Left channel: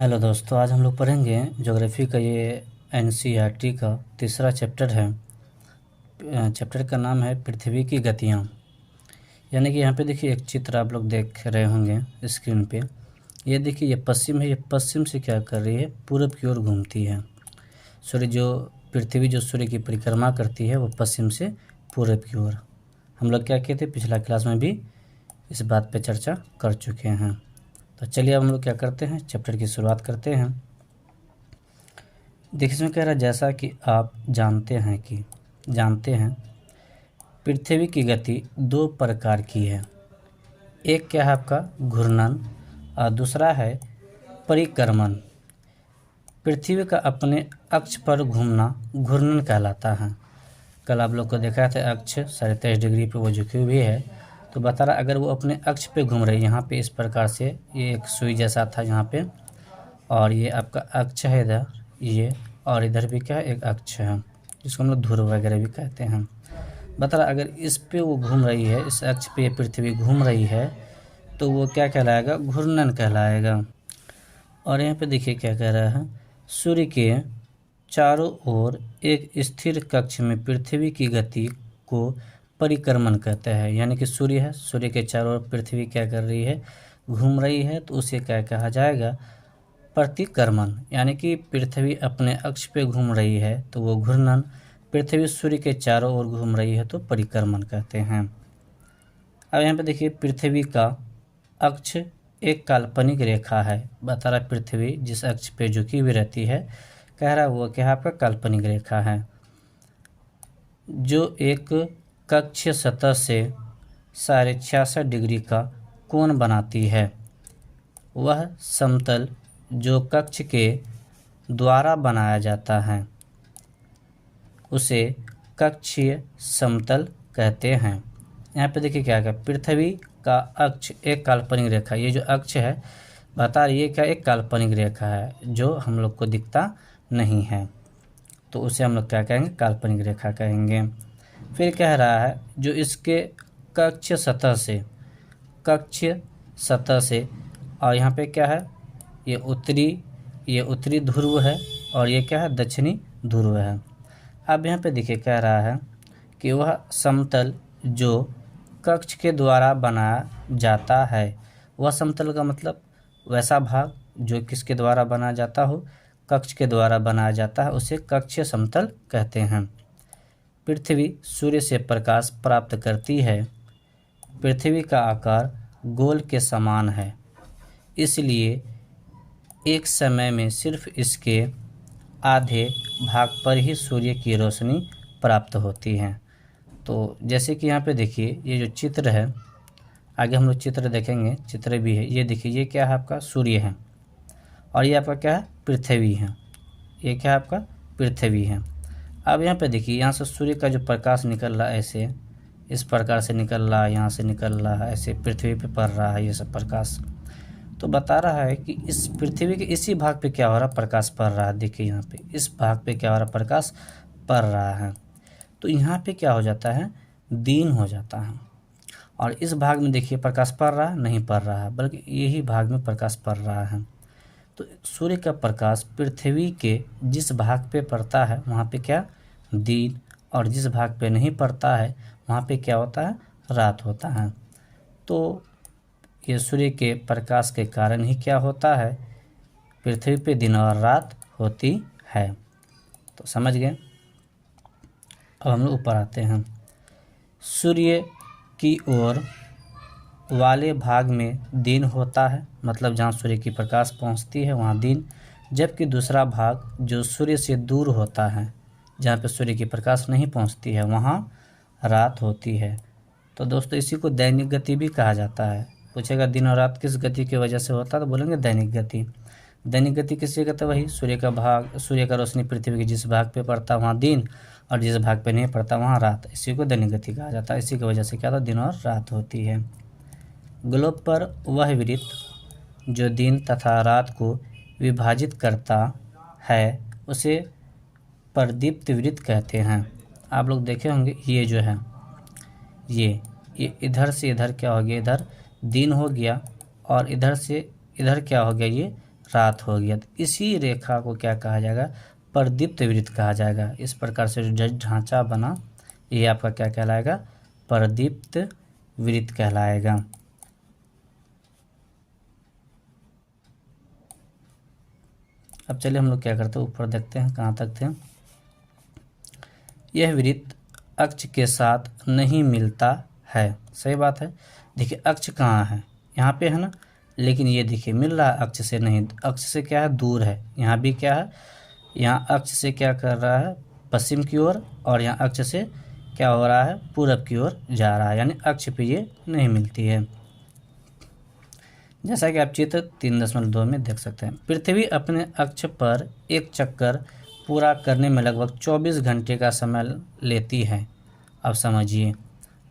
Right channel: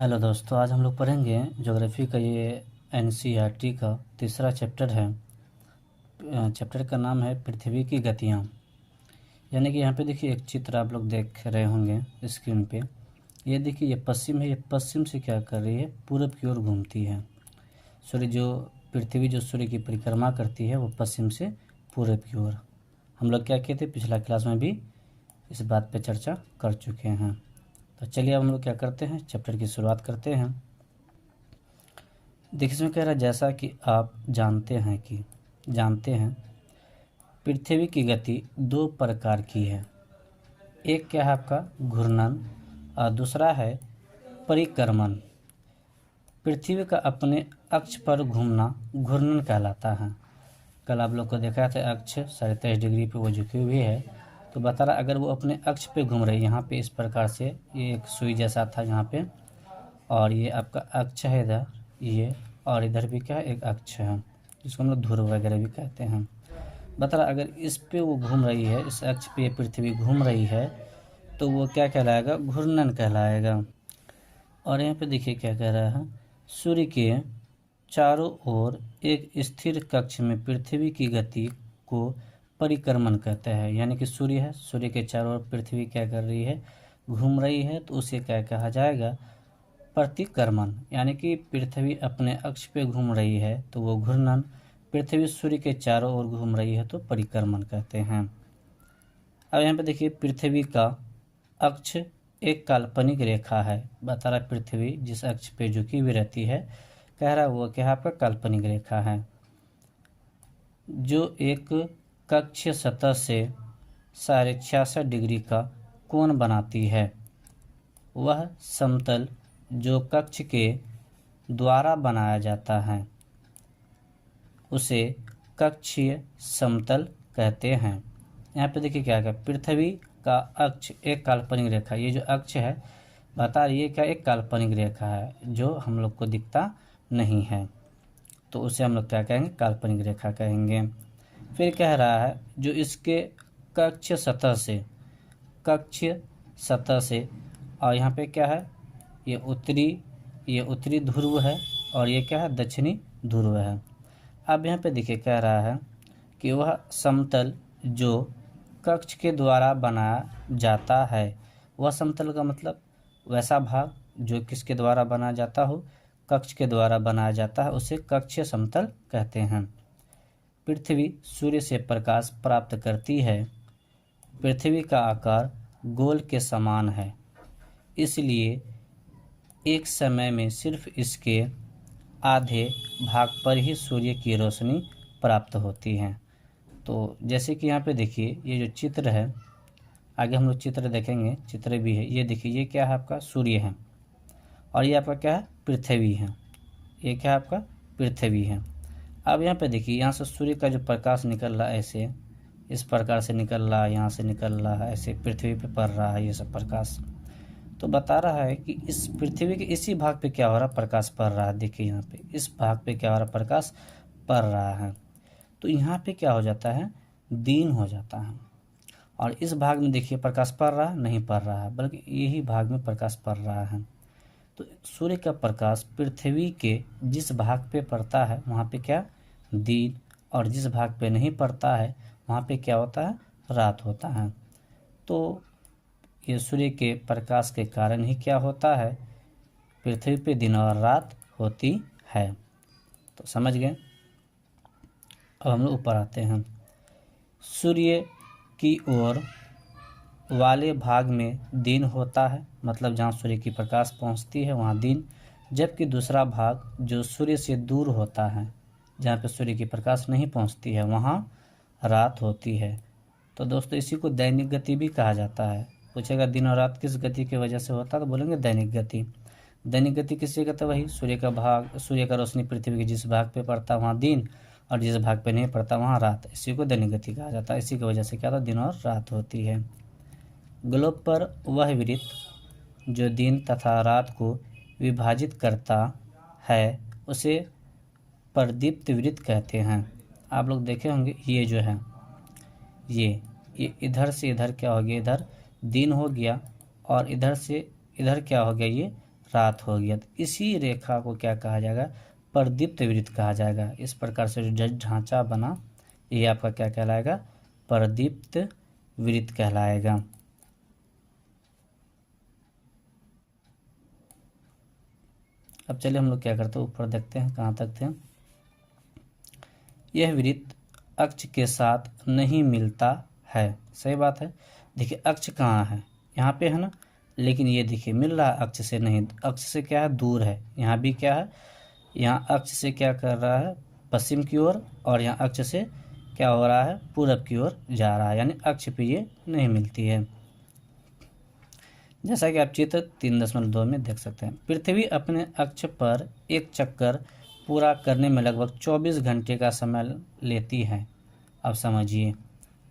Hello दोस्तों, आज हम लोग पढ़ेंगे ज्योग्राफी का ये एनसीईआरटी का तीसरा चैप्टर है। चैप्टर का नाम है पृथ्वी की गतियाँ। यानी कि यहाँ पे देखिए एक चित्र आप लोग देख रहे होंगे स्क्रीन पे। ये देखिए ये पश्चिम है, ये पश्चिम से क्या कर रही है, पूरब की ओर घूमती है। पृथ्वी जो सूर्य की परिक्रमा करती है वो पश्चिम से पूरब की ओर। हम लोग क्या किए थे, पिछला क्लास में भी इस बात पे चर्चा कर चुके हैं। तो चलिए अब हम लोग क्या करते हैं, चैप्टर की शुरुआत करते हैं। देखिए इसमें कह रहा है जैसा कि आप जानते हैं पृथ्वी की गति दो प्रकार की है। एक क्या है आपका घूर्णन और दूसरा है परिक्रमण। पृथ्वी का अपने अक्ष पर घूमना घूर्णन कहलाता है। कल आप लोग को देखा था अक्ष 23.5 डिग्री पे वो झुकी हुई है, तो बता रहा अगर वो अपने अक्ष पे घूम रही है, यहाँ पे इस प्रकार से ये एक सुई जैसा था यहाँ पे, और ये आपका अक्ष है इधर ये, और इधर भी क्या है एक अक्ष है जिसको हम लोग ध्रुव वगैरह भी कहते हैं। बता रहा अगर इस पे वो घूम रही है, इस अक्ष पे पृथ्वी घूम रही है, तो वो क्या कहलाएगा, घूर्णन कहलाएगा। और यहाँ पे देखिए क्या कह रहा है, सूर्य के चारों ओर एक स्थिर कक्ष में पृथ्वी की गति को परिक्रमण कहते हैं। यानी कि सूर्य है, सूर्य के चारों ओर पृथ्वी क्या कर रही है, घूम रही है, तो उसे क्या कहा जाएगा, प्रतिक्रमण। यानी कि पृथ्वी अपने अक्ष पे घूम रही है तो वो घूर्णन, पृथ्वी सूर्य के चारों ओर घूम रही है तो परिक्रमण कहते हैं। अब यहाँ पे देखिए पृथ्वी का अक्ष एक काल्पनिक रेखा है। बता रहा पृथ्वी जिस अक्ष पे झुकी हुई रहती है, कह रहा वो क्या आपका काल्पनिक रेखा है, जो एक कक्षीय सतह से 66.5 डिग्री का कोण बनाती है। वह समतल जो कक्ष के द्वारा बनाया जाता है उसे कक्षीय समतल कहते हैं। यहाँ पे देखिए क्या है, पृथ्वी का अक्ष एक काल्पनिक रेखा, ये जो अक्ष है बता रही है क्या, एक काल्पनिक रेखा है जो हम लोग को दिखता नहीं है, तो उसे हम लोग क्या कहेंगे, काल्पनिक रेखा कहेंगे। फिर कह रहा है जो इसके कक्षीय सतह से और यहाँ पे क्या है, ये उत्तरी ध्रुव है और ये क्या है, दक्षिणी ध्रुव है। अब यहाँ पे देखिए कह रहा है कि वह समतल जो कक्ष के द्वारा बनाया जाता है, वह समतल का मतलब वैसा भाग जो किसके द्वारा बनाया जाता हो, कक्ष के द्वारा बनाया जाता है, उसे कक्षीय समतल कहते हैं। पृथ्वी सूर्य से प्रकाश प्राप्त करती है। पृथ्वी का आकार गोल के समान है, इसलिए एक समय में सिर्फ इसके आधे भाग पर ही सूर्य की रोशनी प्राप्त होती है। तो जैसे कि यहाँ पे देखिए ये जो चित्र है, आगे हम लोग चित्र देखेंगे, चित्र भी है, ये देखिए ये क्या है आपका सूर्य है और ये आपका क्या है, पृथ्वी है। ये क्या है आपका, पृथ्वी है। अब यहाँ पे देखिए यहाँ से सूर्य का जो प्रकाश निकल रहा है ऐसे इस प्रकार से निकल रहा है, यहाँ से निकल रहा है, ऐसे पृथ्वी पे पड़ रहा है ये सब प्रकाश। तो बता रहा है कि इस पृथ्वी के इसी भाग पे क्या हो रहा, प्रकाश पड़ रहा है। देखिए यहाँ पे इस भाग पे क्या हो रहा, प्रकाश पड़ रहा है, तो यहाँ पे क्या हो जाता है, दिन हो जाता है। और इस भाग में देखिए प्रकाश पड़ रहा है, नहीं पड़ रहा है, बल्कि यही भाग में प्रकाश पड़ रहा है। तो सूर्य का प्रकाश पृथ्वी के जिस भाग पे पड़ता है वहाँ पे क्या, दिन, और जिस भाग पे नहीं पड़ता है वहाँ पे क्या होता है, रात होता है। तो ये सूर्य के प्रकाश के कारण ही क्या होता है, पृथ्वी पे दिन और रात होती है। तो समझ गए। अब हम लोग ऊपर आते हैं। सूर्य की ओर वाले भाग में दिन होता है, मतलब जहाँ सूर्य की प्रकाश पहुँचती है वहाँ दिन, जबकि दूसरा भाग जो सूर्य से दूर होता है, जहाँ पे सूर्य की प्रकाश नहीं पहुँचती है, वहाँ रात होती है। तो दोस्तों इसी को दैनिक गति भी कहा जाता है। पूछेगा दिन और रात किस गति की वजह से होता है, तो बोलेंगे दैनिक गति। दैनिक गति किससे कहते हैं, वही सूर्य का रोशनी पृथ्वी के जिस भाग पे पड़ता है वहाँ दिन, और जिस भाग पे नहीं पड़ता वहाँ रात, इसी को दैनिक गति कहा जाता है। इसी की वजह से क्या होता है, दिन और रात होती है। ग्लोब पर वह वृत्त जो दिन तथा रात को विभाजित करता है उसे प्रदीप्त वृत्त कहते हैं। आप लोग देखे होंगे ये जो है ये इधर से इधर क्या हो गया, इधर दिन हो गया, और इधर से इधर क्या हो गया, ये रात हो गया। तो इसी रेखा को क्या कहा जाएगा, प्रदीप्त वृत्त कहा जाएगा। इस प्रकार से जो ढांचा बना ये आपका क्या कहलाएगा, प्रदीप्त वृत्त कहलाएगा। अब चलिए हम लोग क्या करते हैं, ऊपर देखते हैं कहाँ तक थे। यह वृत्त अक्ष के साथ नहीं मिलता है, सही बात है। देखिए अक्ष कहाँ है, यहाँ पे है ना, लेकिन ये देखिए मिल रहा है अक्ष से नहीं, अक्ष से क्या है, दूर है। यहाँ भी क्या है, यहाँ अक्ष से क्या कर रहा है, पश्चिम की ओर, और यहाँ अक्ष से क्या हो रहा है, पूरब की ओर जा रहा है, यानी अक्ष पे ये नहीं मिलती है। जैसा कि आप चित्र 3.2 में देख सकते हैं। पृथ्वी अपने अक्ष पर एक चक्कर पूरा करने में लगभग 24 घंटे का समय लेती है। अब समझिए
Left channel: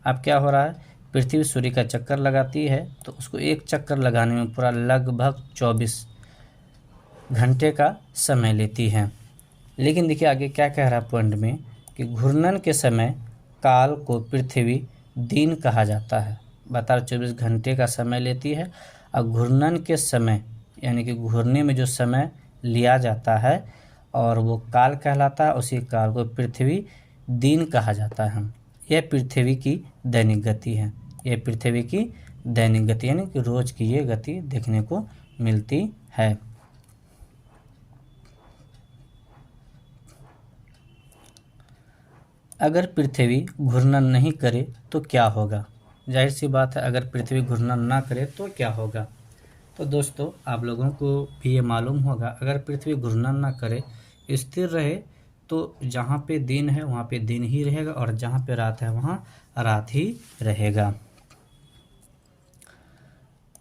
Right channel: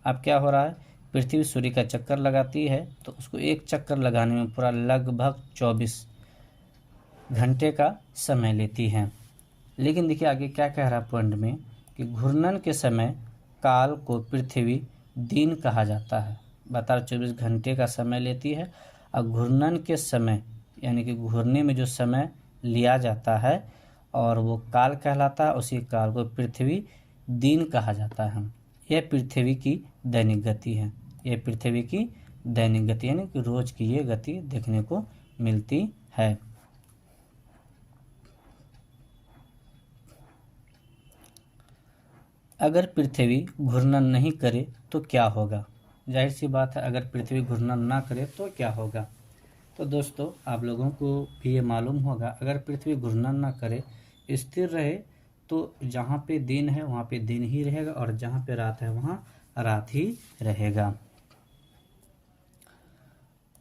अब क्या हो रहा है, पृथ्वी सूर्य का चक्कर लगाती है तो उसको एक चक्कर लगाने में पूरा लगभग 24 घंटे का समय लेती है। लेकिन देखिए आगे क्या कह रहा है पॉइंट में, कि घूर्णन के समय काल को पृथ्वी दिन कहा जाता है। बता 24 घंटे का समय लेती है, और घूर्णन के समय यानी कि घूरने में जो समय लिया जाता है और वो काल कहलाता है, उसी काल को पृथ्वी दिन कहा जाता है। यह पृथ्वी की दैनिक गति है, यह पृथ्वी की दैनिक गति यानी कि रोज की ये गति देखने को मिलती है। अगर पृथ्वी घूर्णन नहीं करे तो क्या होगा, जाहिर सी बात है अगर पृथ्वी घूर्णन ना करे तो क्या होगा। तो दोस्तों आप लोगों को भी ये मालूम होगा, अगर पृथ्वी घूर्णन ना करे, स्थिर रहे, तो जहाँ पे दिन है वहाँ पे दिन ही रहेगा, और जहाँ पे रात है वहाँ रात ही रहेगा।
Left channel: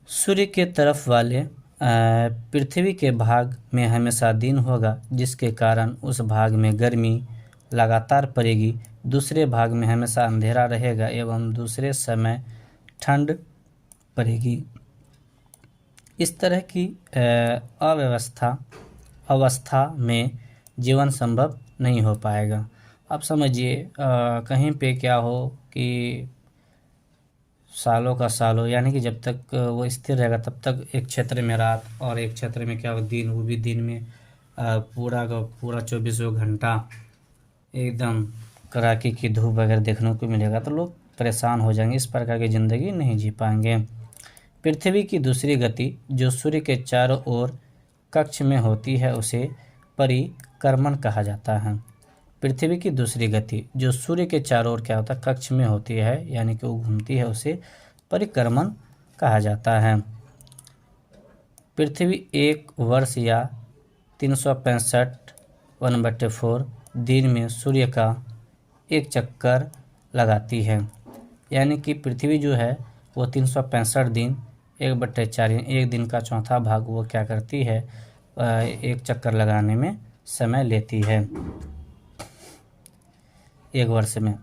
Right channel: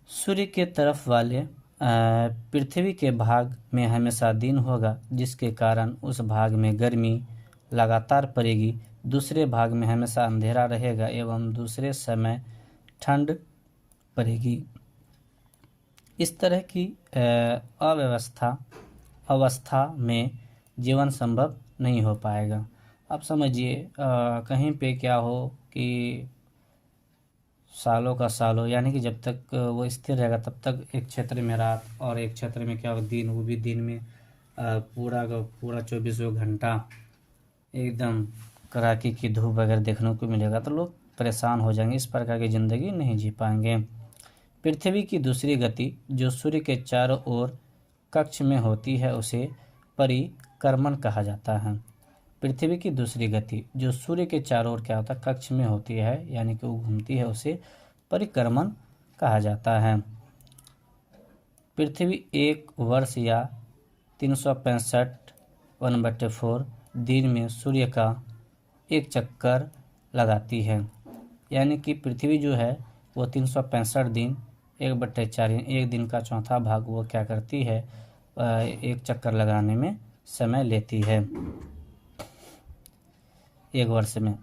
सूर्य के तरफ वाले पृथ्वी के भाग में हमेशा दिन होगा, जिसके कारण उस भाग में गर्मी लगातार पड़ेगी। दूसरे भाग में हमेशा अंधेरा रहेगा एवं दूसरे समय ठंड पड़ेगी। इस तरह की अवस्था में जीवन संभव नहीं हो पाएगा। अब समझिए कहीं पे क्या हो कि सालों का सालों, यानी कि जब तक वो स्थिर रहेगा तब तक एक क्षेत्र में रात और एक क्षेत्र में क्या हो दिन, वो भी दिन में पूरा का पूरा 24 घंटा एकदम कड़ाके की धूप वगैरह देखने को मिलेगा, तो लोग परेशान हो जाएंगे, इस प्रकार की ज़िंदगी नहीं जी पाएंगे। पृथ्वी की दूसरी गति जो सूर्य के चारों ओर कक्ष में होती है उसे परिक्रमण कहा जाता है। पृथ्वी की दूसरी गति जो सूर्य के चारों ओर क्या होता है, कक्ष में होती है, यानी कि वो घूमती है, उसे परिक्रमण कहा जाता है। पृथ्वी एक वर्ष या 365 1/4 दिन में सूर्य का एक चक्कर लगाती है, यानी कि पृथ्वी जो है वो 365 दिन 1/4 एक दिन का चौथा भाग वो क्या करती है, एक चक्कर लगाने में समय लेती है एक वर्ष में।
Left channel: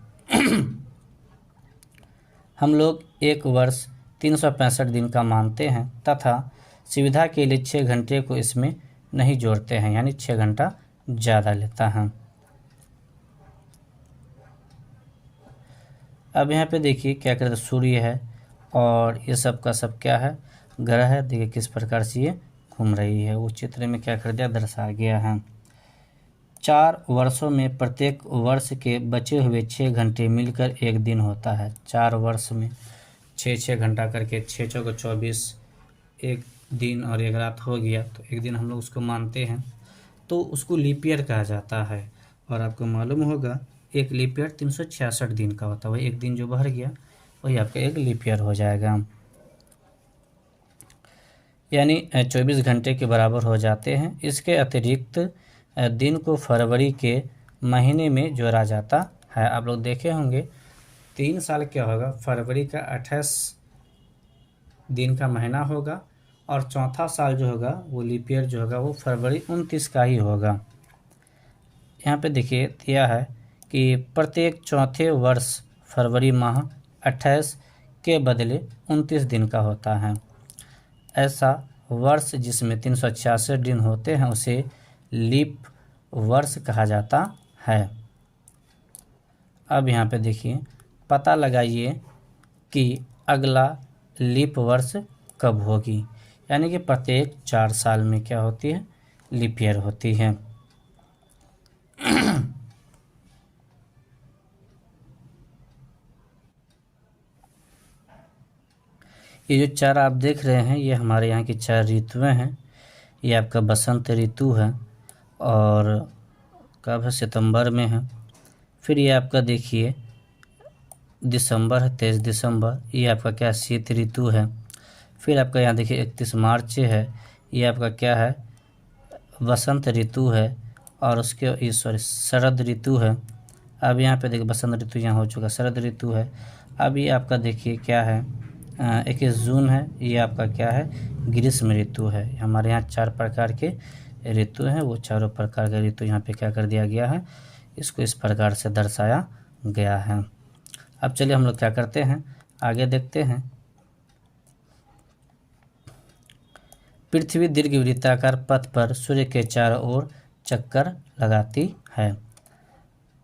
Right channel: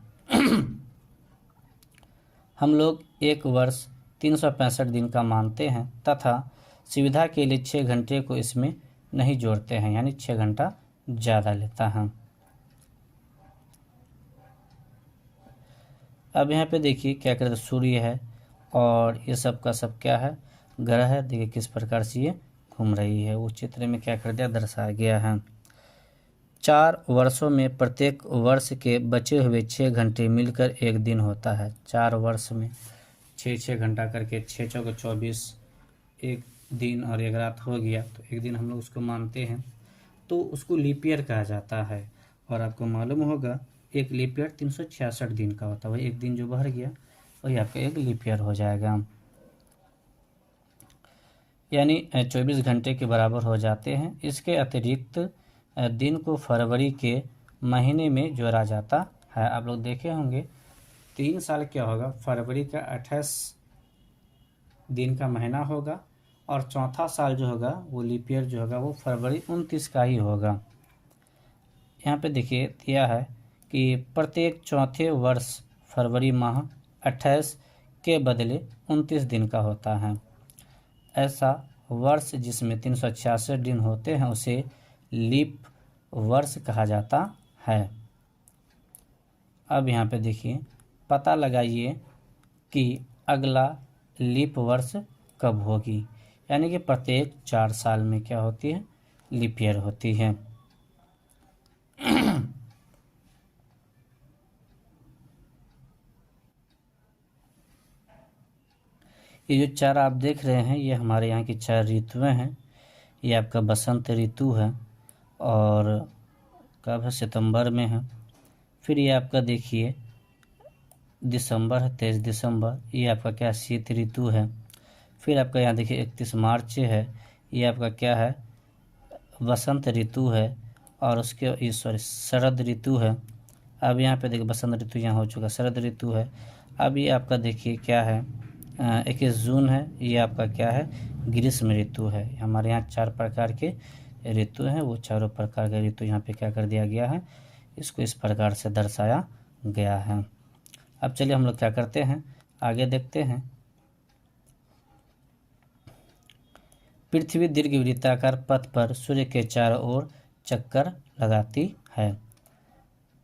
हम लोग एक वर्ष 365 दिन का मानते हैं तथा सुविधा के लिए 6 घंटे को इसमें नहीं जोड़ते हैं, यानी 6 घंटा ज़्यादा लेता है। अब यहाँ पे देखिए क्या कहते हैं, सूर्य है और ये सब का सब क्या है, ग्रह है। देखिए किस प्रकार से ये घूम रही है, वो चित्र में क्या कर दिया, दर्शाया गया है। 4 वर्षों में प्रत्येक वर्ष के बचे हुए 6 घंटे मिलकर एक दिन होता है। 4 वर्ष में 6 घंटा करके 6 चौको 24 एक दिन और एक रात हो गया, तो एक दिन हम लोग उसको मानते हैं, तो उसको लीप ईयर कहा जाता है। और आपको मालूम होगा एक लीप ईयर 366 दिन का होता है, वही एक दिन जो बहर गया वही आपका एक लीप ईयर हो जाएगा, यानी 24 घंटे के बराबर हो जाते हैं। इसके अतिरिक्त दिन को फरवरी के महीने में जोड़ा जाता है। आप लोग देखे होंगे 3 साल क्या होगा, फरवरी का 28 दिन का महीना होगा, और चौथा साल जो होगा वो लीप ईयर जो होगा वो फरवरी 29 का ही होगा। यहाँ पे देखिए दिया है कि प्रत्येक चौथे वर्ष फरवरी माह 28 के बदले 29 दिन का होता है। ऐसा वर्ष जिसमें 366 दिन होते हैं उसे लीप वर्ष कहा जाता है। अब यहाँ पे देखिए पता लगाइए कि अगला लीप वर्ष कब होगी, यानी कि प्रत्येक 4 साल में क्या होती है, लीप ईयर होती है। ये जो 4 आप देख रहे हैं, ये हमारे यहाँ की 4 ऋतुएं हैं। ये आपका बसंत ऋतु है और कब है, सितंबर में है। फिर ये आपका देखिए दिसंबर है, 23 दिसंबर, ये आपका क्या, शीत ऋतु है। फिर आपका यहाँ देखिए 31 मार्च है, ये आपका क्या है, बसंत ऋतु है। और उसके ये सॉरी शरद ऋतु है। अब यहाँ पे देखिए बसंत ऋतु यहाँ हो चुका, शरद ऋतु है। अब ये आपका देखिए क्या है, 21 जून है, ये आपका क्या है, ग्रीष्म ऋतु है। हमारे यहाँ 4 प्रकार के ऋतु हैं, वो चारों प्रकार के ऋतु यहाँ पे क्या कर दिया गया है, इसको इस प्रकार से दर्शाया गया है। अब चलिए हम लोग क्या करते हैं, आगे देखते हैं। पृथ्वी दीर्घवृत्ताकार पथ पर सूर्य के चारों ओर चक्कर लगाती है।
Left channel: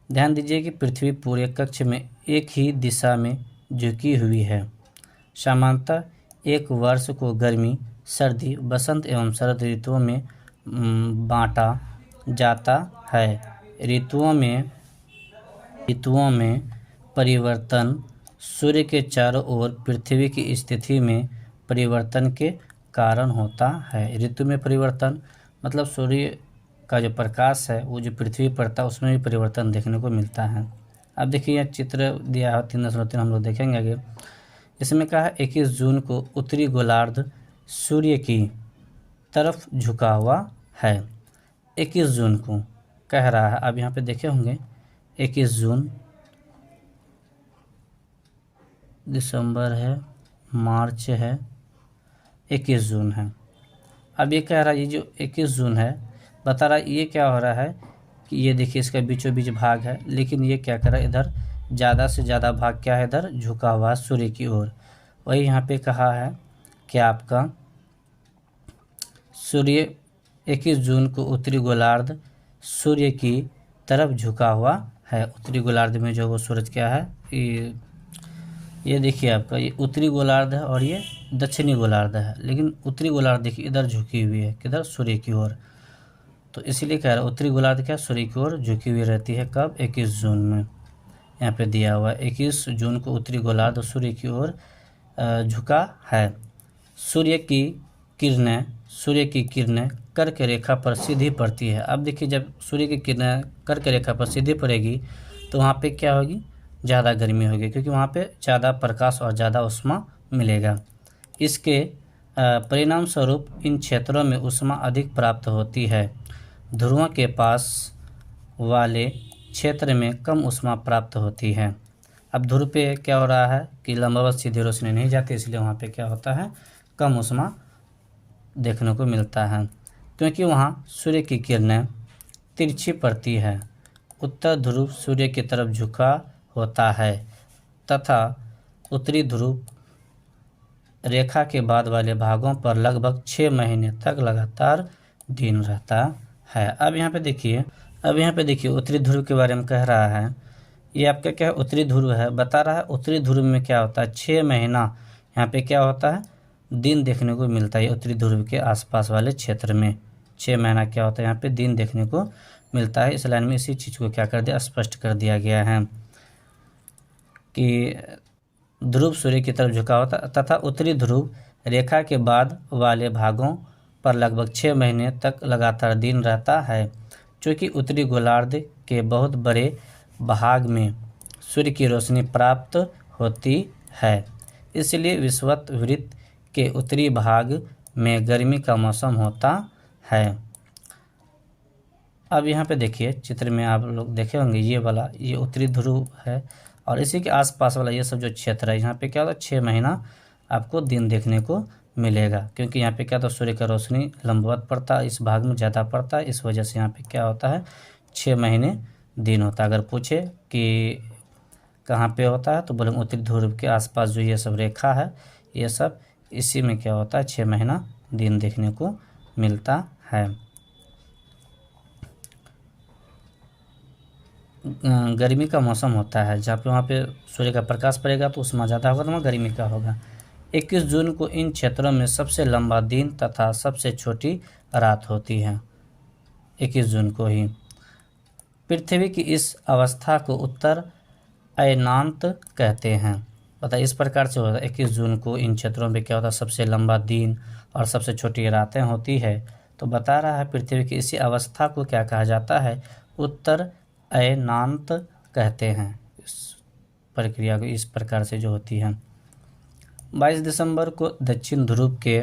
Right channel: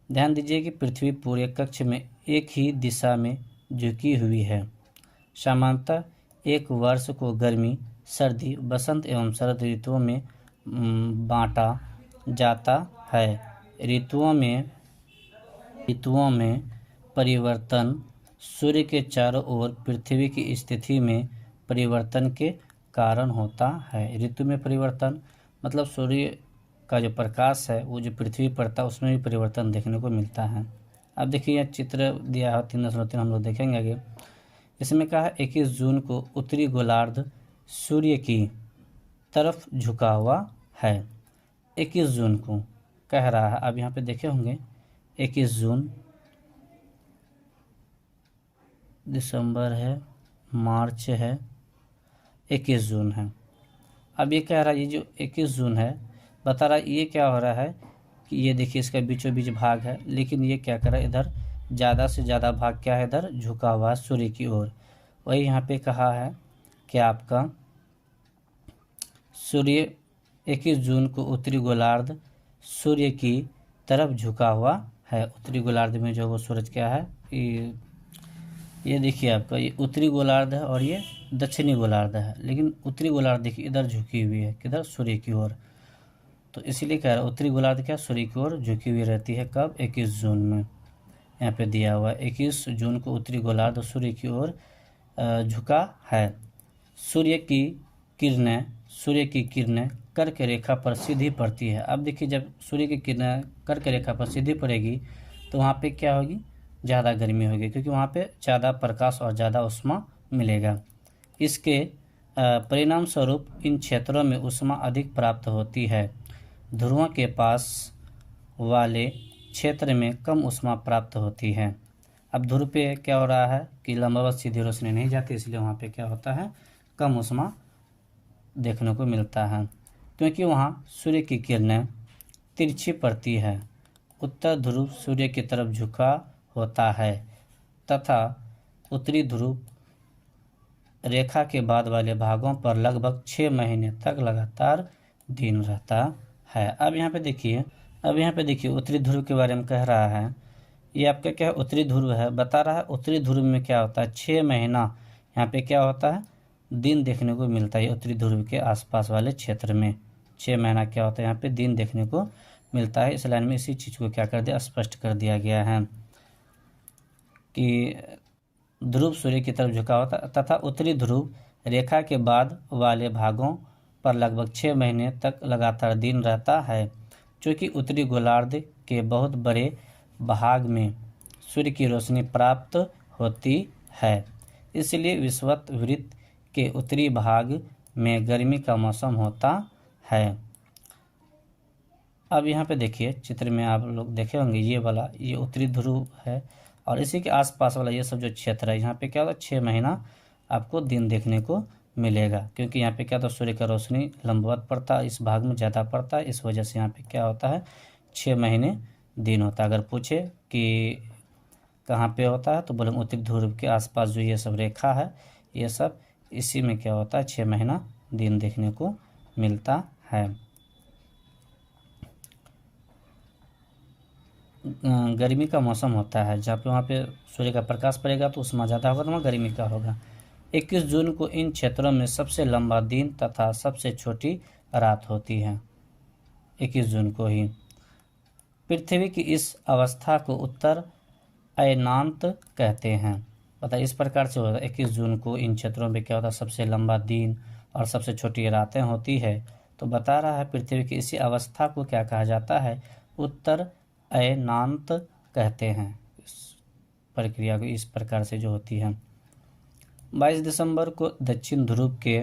ध्यान दीजिए कि पृथ्वी पूरे कक्ष में एक ही दिशा में झुकी हुई है। सामान्यतः एक वर्ष को गर्मी, सर्दी, बसंत एवं शरद ऋतुओं में बांटा जाता है। ऋतुओं में परिवर्तन सूर्य के चारों ओर पृथ्वी की स्थिति में परिवर्तन के कारण होता है। ऋतु में परिवर्तन मतलब सूर्य का जो प्रकाश है वो जो पृथ्वी पर था उसमें भी परिवर्तन देखने को मिलता है। अब देखिए यह चित्र दिया है 3.3 हम लोग देखेंगे आगे। इसमें कहा है 21 जून को उत्तरी गोलार्ध सूर्य की तरफ झुका हुआ है। 21 जून को कह रहा है। अब यहाँ पे देखे होंगे 21 जून, दिसंबर है, मार्च है, 21 जून है। अब ये कह रहा है ये जो 21 जून है बता रहा है ये क्या हो रहा है कि ये देखिए इसका बीचों बीच भाग है, लेकिन ये क्या कर रहा है इधर ज़्यादा से ज़्यादा भाग क्या है इधर झुका हुआ सूर्य की ओर। वही यहाँ पे कहा है कि आपका सूर्य 21 जून को उत्तरी गोलार्ध सूर्य की तरफ झुका हुआ है। उत्तरी गोलार्ध में जो वो सूरज क्या है, ये देखिए आपका ये उत्तरी गोलार्ध है और ये दक्षिणी गोलार्ध है, लेकिन उत्तरी गोलार्ध देखिए इधर झुकी हुई है किधर, सूर्य की ओर। तो इसीलिए कह रहा है उत्तरी गोलार्ध क्या सूर्य की ओर झुकी हुई रहती है। कब, 21 जून में यहाँ पे दिया हुआ है 21 जून को उत्तरी गोलार्ध सूर्य की ओर झुका है। सूर्य की किरणें कर्क रेखा पर सीधी पड़ती है। अब देखिए जब सूर्य की किरणें कर्क रेखा पर सीधी पड़ेगी तो वहाँ पे क्या होगी, ज़्यादा गर्मी होगी, क्योंकि वहाँ पे ज़्यादा प्रकाश और ज़्यादा ऊष्मा मिलेगा। इसके परिणाम स्वरूप इन क्षेत्रों में ऊष्मा अधिक प्राप्त होती है। ध्रुवों के पास वाले क्षेत्र में कम ऊष्मा प्राप्त होती है। अब ध्रुव पे क्या हो रहा है कि लंबवत सीधी रोशनी नहीं जाती, इसलिए वहाँ पे क्या होता है, कम ऊष्मा देखने को मिलता है, क्योंकि वहाँ सूर्य की किरणें तिरछी पड़ती है। उत्तर ध्रुव सूर्य की तरफ झुका होता है तथा उत्तरी ध्रुव रेखा के बाद वाले भागों पर लगभग 6 महीने तक लगातार दिन रहता है। अब यहाँ पे देखिए उत्तरी ध्रुव के बारे में कह रहा है। ये आपका क्या है, उत्तरी ध्रुव है, बता रहा है उत्तरी ध्रुव में क्या होता है, 6 महीना यहाँ पे क्या होता है, दिन देखने को मिलता है। उत्तरी ध्रुव के आसपास वाले क्षेत्र में 6 महीना क्या होता है, यहाँ पे दिन देखने को मिलता है। इस लाइन में इसी चीज़ को क्या कर दिया, स्पष्ट कर दिया गया है कि ध्रुव सूर्य की तरफ झुका होता तथा उत्तरी ध्रुव रेखा के बाद वाले भागों पर लगभग 6 महीने तक लगातार दिन रहता है। चूँकि उत्तरी गोलार्ध के बहुत बड़े भाग में सूर्य की रोशनी प्राप्त होती है, इसलिए विषुवत वृत्त के उत्तरी भाग में गर्मी का मौसम होता है। अब यहाँ पे देखिए चित्र में आप लोग देखे होंगे ये वाला ये उत्तरी ध्रुव है और इसी के आसपास वाला ये सब जो क्षेत्र है यहाँ पे क्या होगा, 6 महीना आपको दिन देखने को मिलेगा, क्योंकि यहाँ पे क्या होता है सूर्य का रोशनी लंबवत पड़ता है, इस भाग में ज़्यादा पड़ता है, इस वजह से यहाँ पे क्या होता है 6 महीने दिन होता है। अगर पूछे कि कहाँ पे होता है तो बोले उत्तरी ध्रुव के आसपास जो ये सब रेखा है ये सब इसी में क्या होता है 6 महीना दिन देखने को मिलता है। गर्मी का मौसम होता है जहाँ पे वहाँ पे सूर्य का प्रकाश पड़ेगा तो उसमें ज़्यादा होगा तो वहाँ गर्मी का होगा। 21 जून को इन क्षेत्रों में सबसे लंबा दिन तथा सबसे छोटी रात होती है। 21 जून को ही पृथ्वी की इस अवस्था को उत्तर अयनांत कहते हैं। पता इस प्रकार से होता है। 21 जून को इन क्षेत्रों में क्या होता है, सबसे लंबा दिन और सबसे छोटी रातें होती है। तो बता रहा है पृथ्वी की इसी अवस्था को क्या कहा जाता है, उत्तर अयनांत कहते हैं। इस प्रक्रिया को इस प्रकार से जो होती है। 22 दिसंबर को दक्षिण ध्रुव के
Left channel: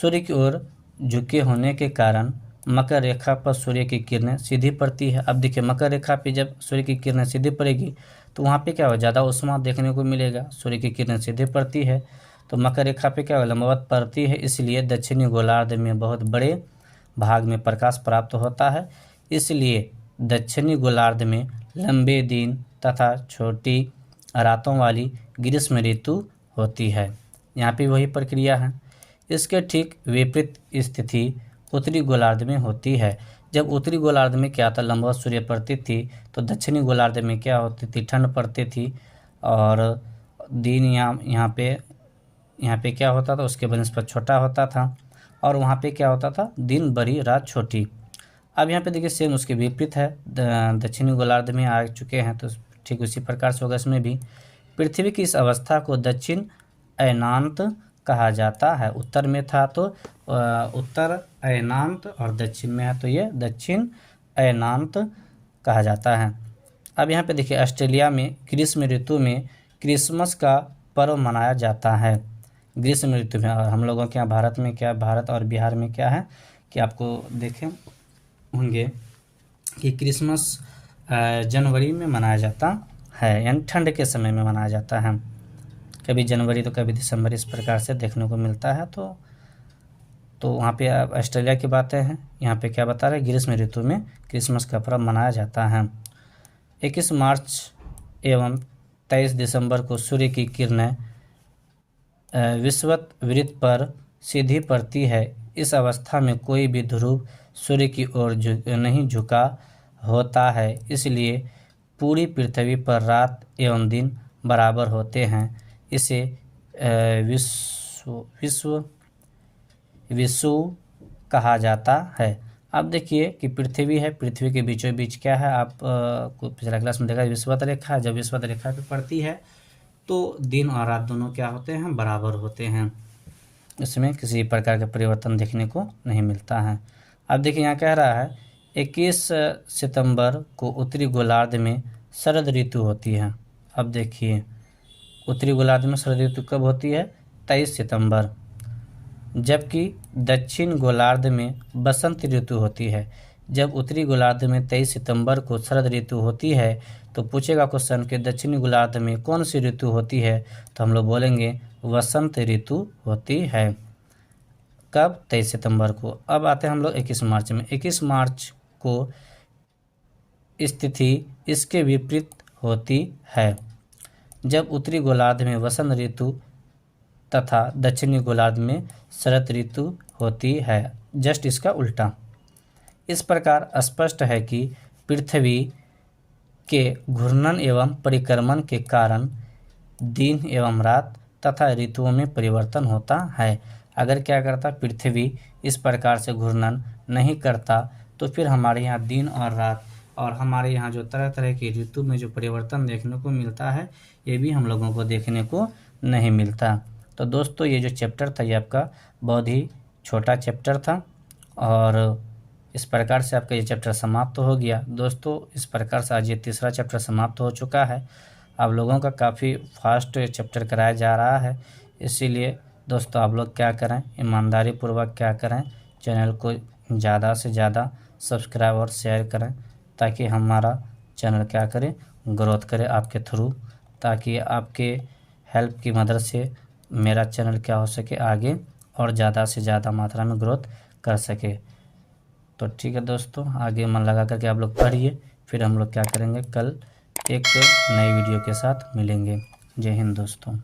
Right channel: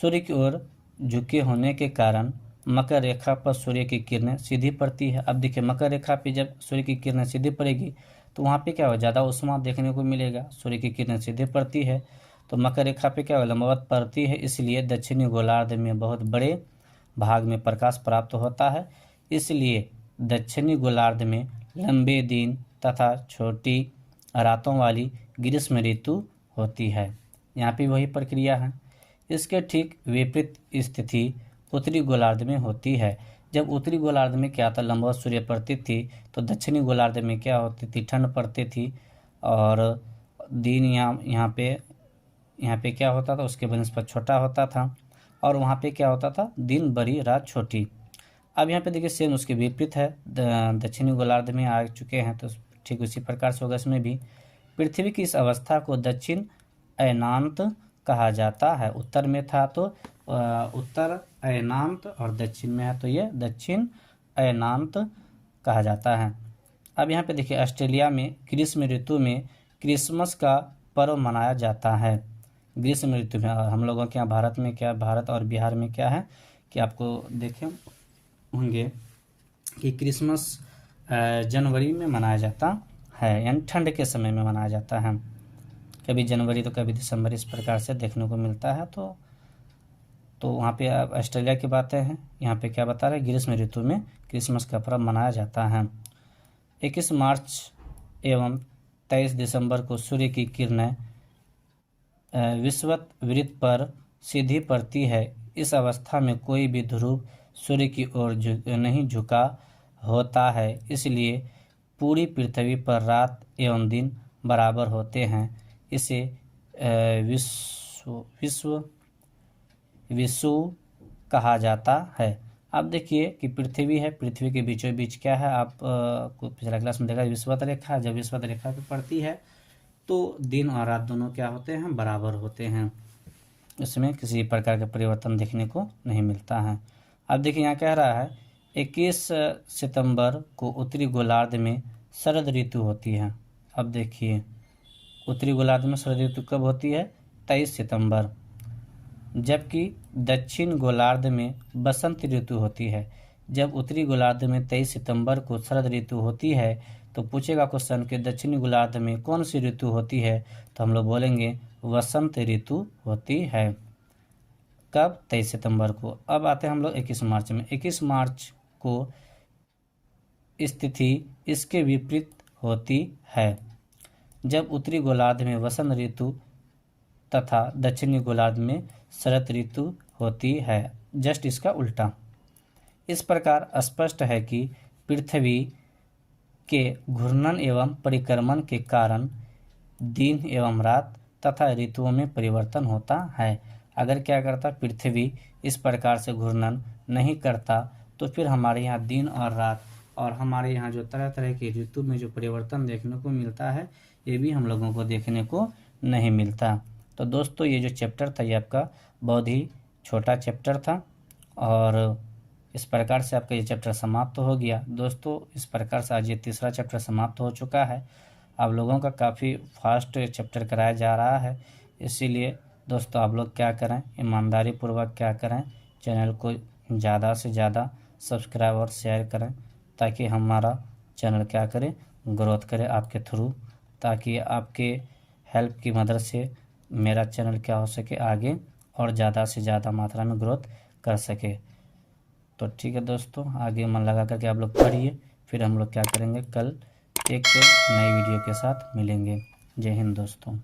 सूर्य की ओर झुके होने के कारण मकर रेखा पर सूर्य की किरणें सीधी पड़ती है। अब देखिए मकर रेखा पे जब सूर्य की किरणें सीधी पड़ेगी तो वहाँ पे क्या हो, ज़्यादा उष्मा देखने को मिलेगा। सूर्य की किरणें सीधी पड़ती है तो मकर रेखा पे क्या हो, लंबवत पड़ती है, इसलिए दक्षिणी गोलार्ध में बहुत बड़े भाग में प्रकाश प्राप्त होता है। इसलिए दक्षिणी गोलार्ध में लंबे दिन तथा छोटी रातों वाली ग्रीष्म ऋतु होती है। यहाँ पे वही प्रक्रिया है। इसके ठीक विपरीत स्थिति उत्तरी गोलार्ध में होती है। जब उत्तरी गोलार्ध में क्या था, लंबवत सूर्य पड़ती थी, तो दक्षिणी गोलार्ध में क्या होती थी, ठंड पड़ती थी और दिन यहाँ पे क्या होता था, उसके बनिस्पत छोटा होता था और वहाँ पे क्या होता था, दिन बड़ी रात छोटी। अब यहाँ पे देखिए सेम उसके विपरीत है, दक्षिणी गोलार्ध में आ चुके हैं तो ठीक उसी प्रकार से होगा इसमें भी। पृथ्वी की इस अवस्था को दक्षिण अयनांत कहा जाता है। उत्तर में था तो उत्तर अयनांत और दक्षिण में है तो ये दक्षिण अयनांत कहा जाता है। अब यहाँ पे देखिए ऑस्ट्रेलिया में ग्रीष्म ऋतु में क्रिसमस का पर्व मनाया जाता है। ग्रीष्म ऋतु में, और हम लोगों के यहाँ भारत में क्या, भारत और बिहार में क्या है कि आपको देखें होंगे कि क्रिसमस जनवरी में मनाया जाता है, यानी ठंड के समय में मनाया जाता है। कभी जनवरी तो कभी दिसंबर, इस प्रकार से देखने को मिलता है। तो वहाँ पे ऑस्ट्रेलिया की बातें हैं। यहाँ पे क्या बता रहे हैं, ग्रीष्म ऋतु में क्रिसमस का पर्व मनाया जाता है। 21 मार्च एवं 23 दिसंबर को सूर्य की किरणें विषुवत वृत्त पर सीधी पड़ती है। इस अवस्था में कोई भी ध्रुव सूर्य की ओर नहीं झुका होता है, इसलिए पूरी पृथ्वी पर रात एवं दिन बराबर होते हैं। इसे विषुव कहा जाता है। अब देखिए कि पृथ्वी है, पृथ्वी के बीचों बीच क्या है, आप को पिछला क्लास में देखा विषुवत रेखा। जब विषुवत रेखा पे पड़ती है तो दिन और रात दोनों क्या होते हैं, बराबर होते हैं। इसमें किसी प्रकार का परिवर्तन देखने को नहीं मिलता है। अब देखिए यहाँ कह रहा है 21 सितंबर को उत्तरी गोलार्ध में शरद ऋतु होती है। अब देखिए उत्तरी गोलार्ध में शरद ऋतु कब होती है, 23 सितंबर, जबकि दक्षिण गोलार्ध में बसंत ऋतु होती है। जब उत्तरी गोलार्ध में 23 सितंबर को शरद ऋतु होती है तो पूछेगा क्वेश्चन कि दक्षिणी गोलार्ध में कौन सी ऋतु होती है, तो हम लोग बोलेंगे वसंत ऋतु होती है। कब, 23 सितंबर को। अब आते हैं हम लोग 21 मार्च में। 21 मार्च को स्थिति इसके विपरीत होती है। जब उत्तरी गोलार्ध में वसंत ऋतु तथा दक्षिणी गोलार्ध में शरद ऋतु होती है, जस्ट इसका उल्टा। इस प्रकार स्पष्ट है कि पृथ्वी के घूर्णन एवं परिक्रमण के कारण दिन एवं रात तथा ऋतुओं में परिवर्तन होता है। अगर क्या करता, पृथ्वी इस प्रकार से घूर्णन नहीं करता तो फिर हमारे यहाँ दिन और रात और हमारे यहाँ जो तरह तरह की ऋतु में जो परिवर्तन देखने को मिलता है, ये भी हम लोगों को देखने को नहीं मिलता। तो दोस्तों ये जो चैप्टर था ये आपका बहुत ही छोटा चैप्टर था और इस प्रकार से आपका ये चैप्टर समाप्त हो गया। दोस्तों इस प्रकार से आज ये तीसरा चैप्टर समाप्त हो चुका है। आप लोगों का काफ़ी फास्ट चैप्टर कराया जा रहा है, इसीलिए दोस्तों आप लोग क्या करें, ईमानदारी पूर्वक क्या करें, चैनल को ज़्यादा से ज़्यादा सब्सक्राइब और शेयर करें ताकि हमारा चैनल क्या करे, ग्रोथ करे आपके थ्रू, ताकि आपके हेल्प की मदद से मेरा चैनल क्या हो सके आगे और ज़्यादा से ज़्यादा मात्रा में ग्रोथ कर सके। तो ठीक है दोस्तों, आगे मन लगा करके आप लोग पढ़िए, फिर हम लोग क्या करेंगे, कल एक नई वीडियो के साथ मिलेंगे। जय हिंद दोस्तों।